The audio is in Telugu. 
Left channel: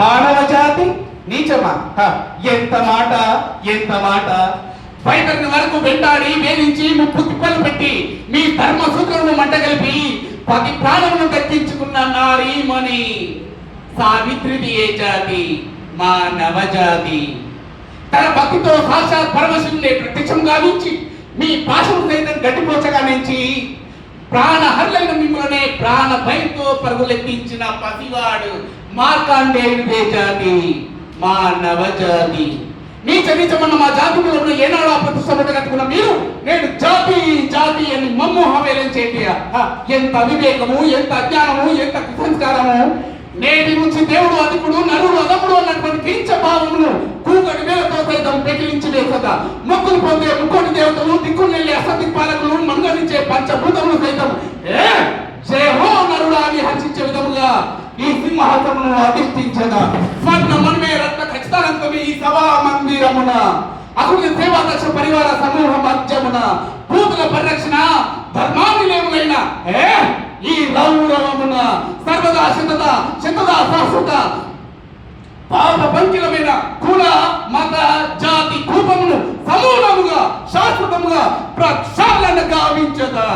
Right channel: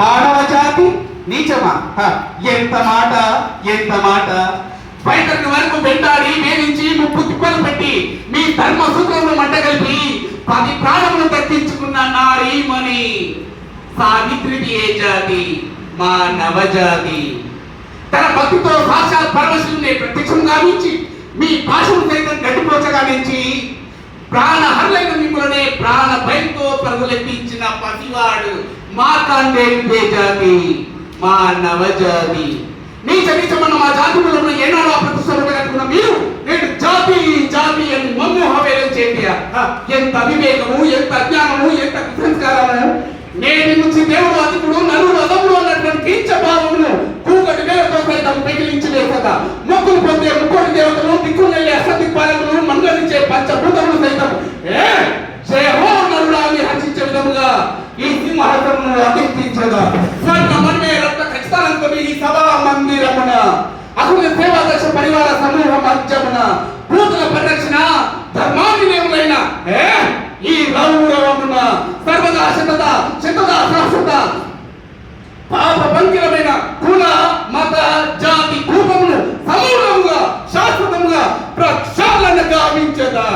మానవ జాతి నీచమా? ఎంత మాట, ఎంత మాట! వైఖరిని వరకు వెంటాడి వేధించి ముప్పు తిప్పలు పెట్టి మీ ధర్మ సూత్రంలో మంటగలిపి 10 ప్రాణములు దక్కించుకున్న నారీమణి సావిత్రిది ఏ జాతి? మా నవజాతి. తన భక్తితో సాక్షాత్ పరమశివుని ప్రత్యక్షం గావించి మీ భాషను సైతం గట్టిపోచగా నుంచి ప్రాణహరులైన మిమ్మల్నే ప్రాణ భయంతో పరుగులెత్తించిన పసివాడు మార్కండేయుడే జాతి, మా నవజాతి. నీచమన్న మా జాతులలో ఉన్న ఏనాడు ప్రతిష్టత కట్టుకున్న మీరు నేను జాతి జాతి అని మమ్మోహవేలం చేయ ఎంత అవివేకము, ఎంత అజ్ఞానము, ఎంత కుసంస్కారము! నేటి నుంచి దేవుడు అధికుడు, నరుడు అదముడు అన్నటువంటి కీర్చభావమును కూగడి వేలతో సైతం పెకిలించి వేసగా మొక్కులు పొందే ముక్కోటి దేవతలు, దిక్కులు నెల్లే అసదిక్పాలకులు, మంగళించే పంచభూతములు సైతం జయహో నరుడా అని హర్షించే విధముగా ఈ సింహాసనమును అధిష్ఠించగా స్వర్ణ మన్మే రక్త ఖచ్చితాలంతో ఈ సభా మందిరమున అకుల సేవాదక్ష పరివార సమూహ మధ్యమున భూతుల పరిరక్షణ ధర్మాన్వినేములైన ఈ రౌరవమున సర్వదా శతదా శాశ్వత పాప పంకిలమైన కుల మత జాతి కూపమును సమూలముగా శాశ్వతముగా ప్రక్షాళన గావించదా.